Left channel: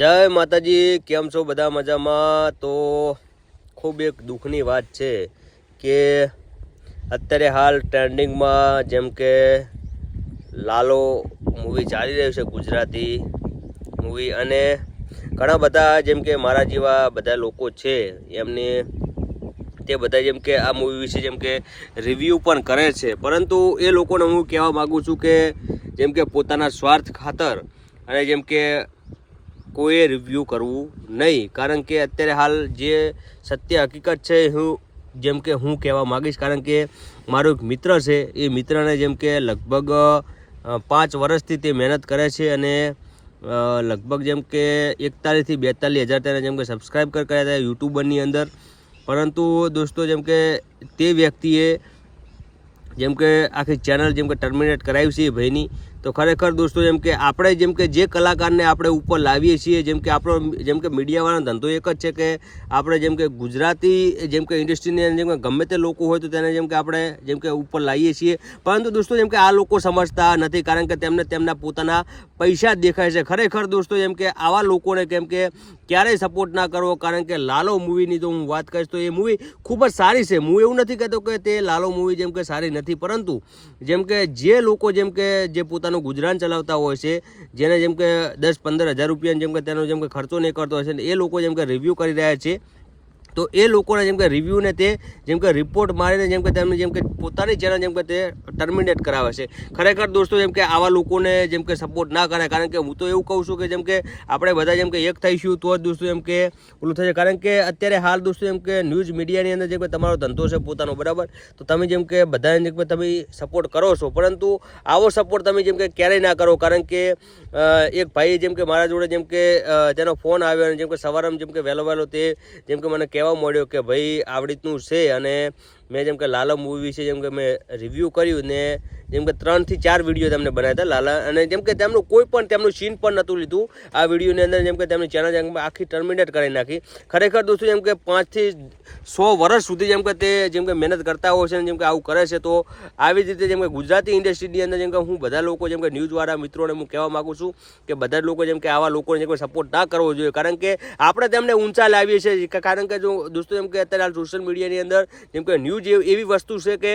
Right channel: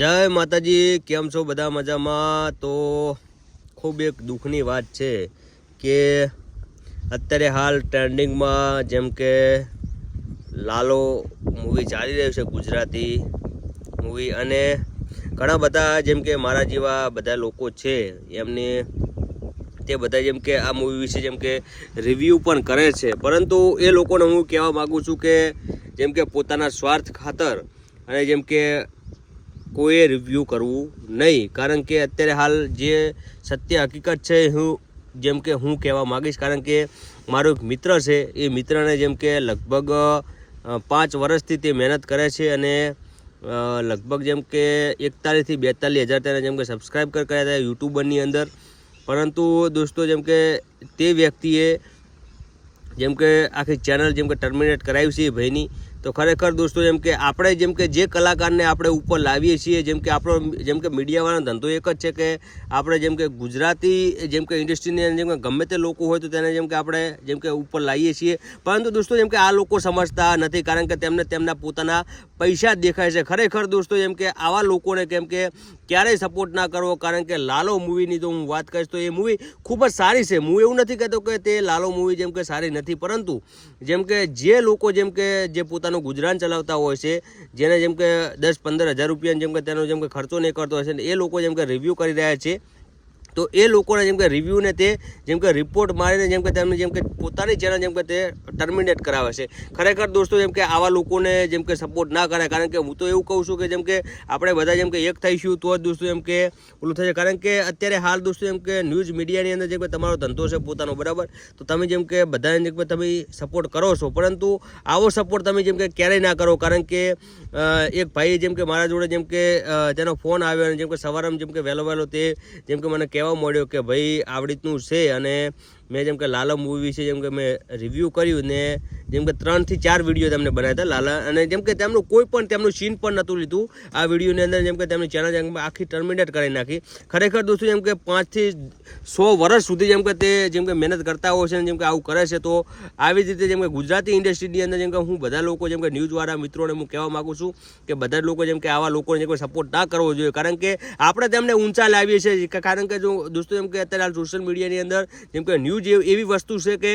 જય માતાજી, કેમ છો બધા? મજામાં? તો ખૂબ એક દુઃખની વાત છે કે અત્યારે હાલ ટ્રેન્ડિંગમાં જેમ કે લાલો મૂવી ચાલી રહ્યું છે, ગુજરાતી મૂવી, અને ઘણા બધા જેમ કે મારા જેવા બધા લોકો છે એમને તે બધા જેમ કે આ મૂવી વિશે જેમ કે રિવ્યૂ પણ કરે છે, પરંતુ એ લોકોને હું કહેવા માગું છું કે જેમ કે પોતાના સ્વાર્થ ખાતર અને જેમ કે કોઈએ રિવ્યૂ કરવું નહીં, કારણ કે અત્યારે હાલ જે સત્ય હકીકત છે જેમ કે હું કહેવા માગીશ, કારણ કે મારો એક મિત્ર છે, એ મિત્રને જેમ કે લગભગ 5 વર્ષથી તે મહેનત કરે છે અને લગભગ જેમ કે 41 થી 42 હજાર તેને જેમ કે સબસ્ક્રાઈબ કર્યા હતા યુટ્યુબરની અંદર. પરંતુ દોસ્તો જેમ કે તે વ્યક્તિએ જેમ કે આખી ચેનલ જેમ કે ટર્મિનેટ કરાવી છે ભાઈની. તો ખરેખર દોસ્તો જેમ કે આપણે જેમ કે જે કલાકારને આપણે ઉપર લાવીએ છીએ, જેમ કે આપણો જેમ કે મીડિયાવાળાનો ધંધો એક જ છે કે આપણે જેમ કે ગુજરાતી જેમ કે ઇન્ડસ્ટ્રીની જેમ કે ગમે તે લોકો હોય તો તેને જેમ કે આપણે જેમ કે ઉપર લાવીએ છીએ, પરંતુ દોસ્તો જેમ કે આ લોકો સમજતા નથી, કારણ કે તેમને તેમના પોતાના પૈસા જ દેખાય છે. ખરેખર દોસ્તો જેમ કે આવા લોકોને કેમ કે ક્યારેય સપોર્ટ ના કરવો, કારણ કે લાલો મૂવીની તો હું વાત કરીશ તો એ મૂવી ખૂબ જ સારી છે. હું એવું નથી કહેતો કે તે લાલો મૂવી જેમ કે સારી નથી, પરંતુ જેમ કે જે લોકો જેમ કે જે પોતાનું ગુજરાન ચલાવતા હોય છે, જેને જેમ કે 10-15 હજાર રૂપિયા જેમ કે તેનો જેમ કે ખર્ચો નહીં કરતો હોય છે, એ લોકો જેમ કે રિવ્યૂ કરી રહ્યા છે, તો એ લોકોને જેમ કે રિવ્યૂને તે જેમ કે રિપોર્ટ મારીને જેમ કે તેમને જેમ કે પોતાની ચેનલ જેમ કે તે ટર્મિનેટ કરાવે છે. ખરેખર દોસ્તો જેમ કે આવા લોકોને જેમ કે સપોર્ટ ના કરે, કારણ કે હું તો એવું કહું છું કે જેમ કે આપણે બધા જેમ કે એક થઈશું તો જ દોસ્તો જેમ કે ઓલું થશે, કારણ કે અત્યારે હાલ દોસ્તો જેમ કે ન્યૂઝ મીડિયાની અંદર જેમ કે તમારો ધંધો છે પોતાનો, બરાબર, તો તમે જેમ કે બધાને જેમ કે તમે સપોર્ટ કરો છો, પરંતુ આવો સપોર્ટ તમે જેમ કે ક્યારેય ના કરો, કારણ કે એક ભાઈ જેમ કે મારા જોડે જેમ કે તેનો ફોન આવ્યો અને જેમ કે સવારમાં જેમ કે વહેલો તે જેમ કે મને કહેવા મળ્યો કે ભાઈ આવી રીતનું છે, અને મેં જેમ કે લાલા મૂવી વિશે જેમ કે મેં રિવ્યૂ કર્યું ને જેમ કે 3 થી 4 વિડીયો તેમને બનાવ્યા હતા લાલા, અને જેમ કે તેમનું કોઈ પણ તેમનું સીન પણ નહોતું લીધું આ વિડીયોની અંદર, જેમ કે તેમની ચેનલ જેમ કે આખી ટર્મિનેટ કરી નાખી. ખરેખર દોસ્તો જેમ કે 5 થી 100 વર્ષ સુધી જેમ કે તે જેમ કે મહેનત કરતા હોય છે, જેમ કે આવું કરે છે. તો આવી જ રીતે જેમ કે ગુજરાતી ઇન્ડસ્ટ્રીની અંદર જેમ કે હું બધા લોકો જેમ કે ન્યૂઝવાળા મિત્રોને હું કહેવા માગું છું કે બધા લોકો જેમ કે આવા લોકોને જેમ કે સપોર્ટ ના કરવો જોઈએ, કારણ કે આપણે તેમને ઊંચા લાવીએ છીએ, કારણ કે જો દોસ્તો જેમ કે અત્યારે સોશિયલ મીડિયાની અંદર જેમ કે ન્યૂઝ એવી વસ્તુ છે કે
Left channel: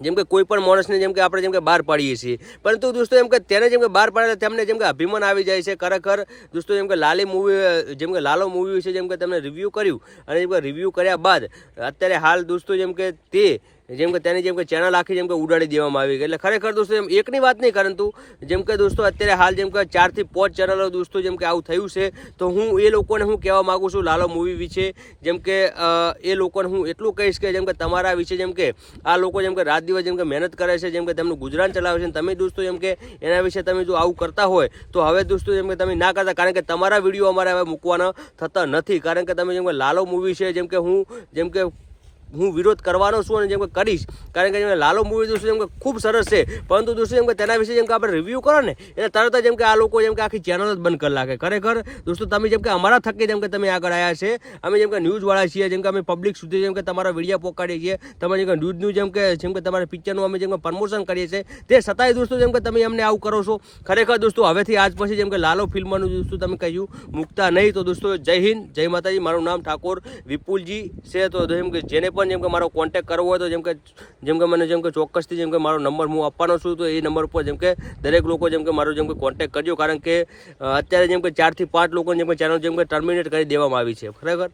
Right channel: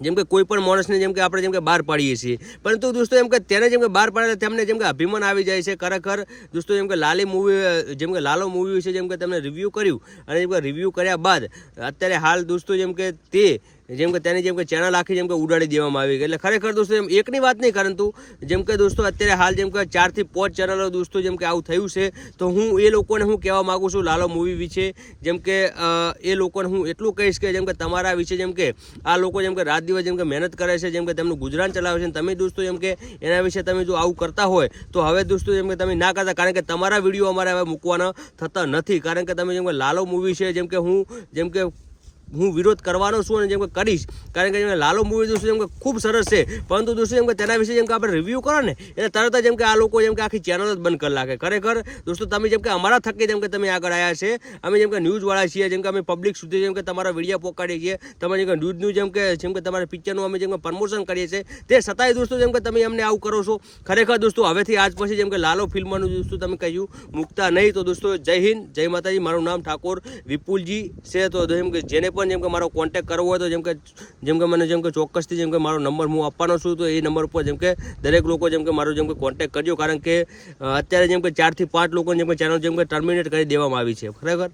જેમ કે કોઈ પણ માણસને જેમ કે આપણે જેમ કે બહાર પાડીએ છીએ, પરંતુ દોસ્તો જેમ કે તેને જેમ કે બહાર પાડે તેમને જેમ કે અભિમાન આવી જાય છે. ખરેખર દોસ્તો જેમ કે લાલી મૂવી જેમ કે લાલો મૂવી વિશે જેમ કે તેમને રિવ્યૂ કર્યું, અને જેમ કે રિવ્યૂ કર્યા બાદ અત્યારે હાલ દોસ્તો જેમ કે તે જેમ કે તેની જેમ કે ચેનલ આખી જેમ કે ઉડાડી દેવામાં આવી ગઈ. એટલે ખરેખર દોસ્તો એમ એકની વાત નહીં, પરંતુ જેમ કે દોસ્તો અત્યારે હાલ જેમ કે 4 થી 5 ચેનલો દોસ્તો જેમ કે આવું થયું છે. તો હું એ લોકોને હું કહેવા માગું છું લાલો મૂવી વિશે, જેમ કે એ લોકોને હું એટલું કહીશ કે જેમ કે તમારા વિશે જેમ કે આ લોકો જેમ કે રાત દિવસ જેમ કે મહેનત કરે છે, જેમ કે તેમનું ગુજરાન ચલાવે છે, તમે દોસ્તો જેમ કે એના વિશે તમે જો આવું કરતા હોય તો હવે દોસ્તો જેમ કે તમે ના કરતા, કારણ કે તમારા વિડીયો અમારે હવે મૂકવાના થતા નથી, કારણ કે તમે જેમ કે લાલો મૂવી છે જેમ કે હું વિરોધ કરવાનો છું અને જેમ કે કરીશ, કારણ કે લાલો મૂવી દોસ્તો જેમ કે ખૂબ સરસ છે, પરંતુ દોસ્તો જેમ કે તેના વિશે જેમ કે આપણે રિવ્યૂ કરો ને એટલે તરત જ જેમ કે આ લોકો જેમ કે આખી ચેનલ જ બંધ કરી નાખે. ખરેખર દોસ્તો તમે જેમ કે અમારા થકી જેમ કે તમે આગળ આવ્યા છે, અમે જેમ કે ન્યૂઝવાળા છીએ, જેમ કે અમે પબ્લિક સુધી જેમ કે તમારા વિડીયો પહોંચાડીએ છીએ, તમે જેમ કે ન્યૂઝનું જેમ કે તમારા પિક્ચરનું અમે જેમ કે પ્રમોશન કરીએ છીએ, તે છતાંય દોસ્તો જેમ કે તમે અમને આવું કરો છો. ખરેખર દોસ્તો હવેથી આજ પછી જેમ કે લાલો ફિલ્મનું દોસ્તો તમે કહ્યું મૂકતા નહીં. તો દોસ્તો જય હિન્દ, જય માતાજી. મારું નામ ઠાકોર વિપુલજી છે. તો જેમ કે જેને પણ જેમ કે મારો કોન્ટેક્ટ કરવો હોય તો જેમ કે મને જેમ કે ચોક્કસથી જેમ કે મારો નંબર હું આપવાનો છું, તો એ નંબર ઉપર જેમ કે દરેક લોકો જેમ કે મારો જેમ કે કોન્ટેક્ટ કરજો, કારણ કે અત્યારે જેમ કે 4 થી 5 લોકો જેમ કે ચેનલ જેમ કે ટર્મિનેટ કરી દેવામાં આવી છે. ખરેખર